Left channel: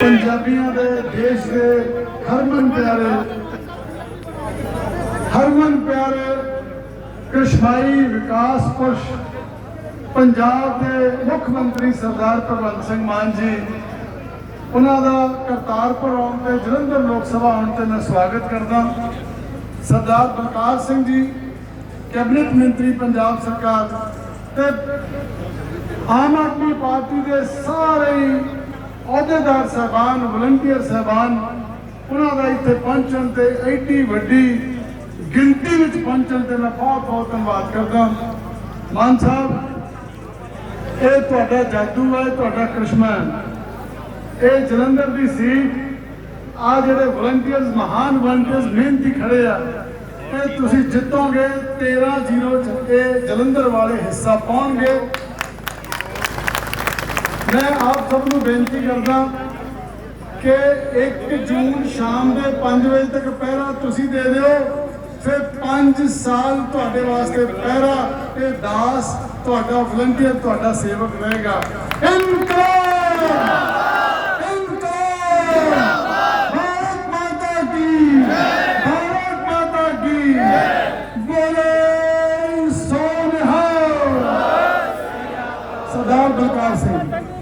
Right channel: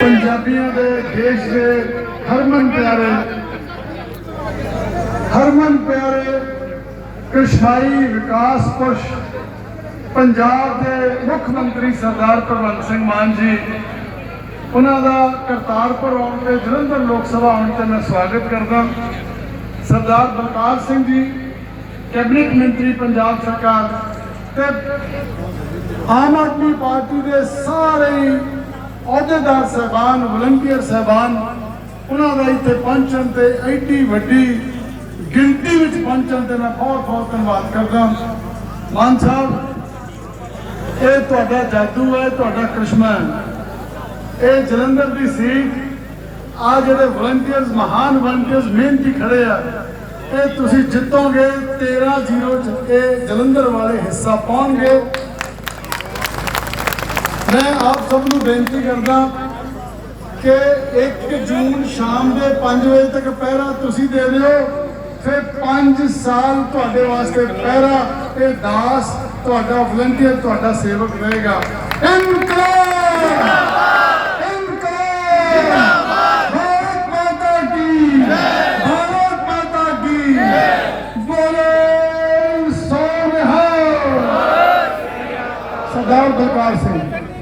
ਪੰਜਾਬੀਆਂ ਦੇ ਦੇਸ਼ ਦੇ ਹਰਮਨ ਪਿਆਰੇ ਹਰਮਨ ਪਿਆਰੇ ਕ੍ਰਿਸ਼ਨਾਈ ਵਿਕਾਸ ਪੁਰਸ਼, ਪੰਜਾਬ ਦੇ ਮੁੱਖ ਮੰਤਰੀ ਸਰਦਾਰ ਭਗਵੰਤ ਸਿੰਘ ਮਾਨ ਜੀ, ਉਹਨਾਂ ਦਾ ਕਰਤਾਰਪੁਰ ਆਉਣ ਤੇ ਜਲੰਧਰ ਲੋਕ ਸਭਾ ਆਉਣ ਤੇ ਮੈਂ ਸਵਾਗਤ ਕਰਦਾ। ਸਰਦਾਰ ਬਲਕਾਰ ਸਿੰਘ ਜੀ, ਕੈਬਨਿਟ ਮੰਤਰੀ ਪੰਜਾਬ ਸਰਕਾਰ ਤੇ ਆਮ ਆਦਮੀ ਪਾਰਟੀ ਦੇ ਸਾਰੇ ਅਹੁਦੇਦਾਰ ਸਹਿਬਾਨ, ਵਲੰਟੀਅਰ ਸਹਿਬਾਨ, ਉਹਨਾਂ ਦਾ ਇੱਥੇ ਪਹੁੰਚਣ ਤੇ ਐਡੀ ਵੱਡੀ ਗਿਣਤੀ ਵਿੱਚ ਪਹੁੰਚਣ ਤੇ ਮੈਂ ਬਹੁਤ ਬਹੁਤ ਧੰਨਵਾਦ ਕਰਦਾ। ਮਾਨ ਸਾਹਿਬ, ਇਹ ਤੁਹਾਡਾ ਜਾਦੂ ਹੈ, ਤੁਹਾਡਾ ਕ੍ਰਿਸ਼ਮਾ ਹੈ। ਇਹ ਜਲੰਧਰ ਦੀ ਸੀਟ, ਆ ਜਿਹੜੇ ਵਲੰਟੀਅਰਸ, ਮਹਾਨ ਵਲੰਟੀਅਰਸ ਮਿਹਨਤੀ ਖੜੇ ਆ, ਇਹ ਤੁਸੀਂ ਜਿੱਤੋਗੇ 13-0 ਚ ਇਹ ਜਲੰਧਰ ਵਾਲੇ ਹਿੱਸਾ ਪਾਉਣਗੇ। ਮੈਂ ਆਪ ਸਭ ਨੂੰ ਬੇਨਤੀ ਕਰਦਾ ਕਿ 1 ਜੂਨ ਸ਼ਾਮ ਦੇ 5 ਵਜੇ ਤੱਕ ਪਹਿਰਾ ਤੁਸੀਂ ਦੇ ਦਿਓ, ਫਿਰ 5 ਸਾਲ ਤੁਹਾਡੇ ਵਾਸਤੇ ਪਹਿਰਾ, ਇਹ ਦਾਸ ਤੁਹਾਡਾ ਵਲੰਟੀਅਰ ਤੁਹਾਡਾ ਸੇਵਕ ਰਹੇਗਾ ਇਨਕਲਾਬ! ਇਨਕਲਾਬ! ਭਾਰਤ ਮਾਤਾ ਕੀ! ਭਾਰਤ ਮਾਤਾ ਕੀ! ਬੋਲੇ ਸੋਨਹਾ ਸਰਦਾਰ ਬਲਕਾਰ ਸਿੰਘ।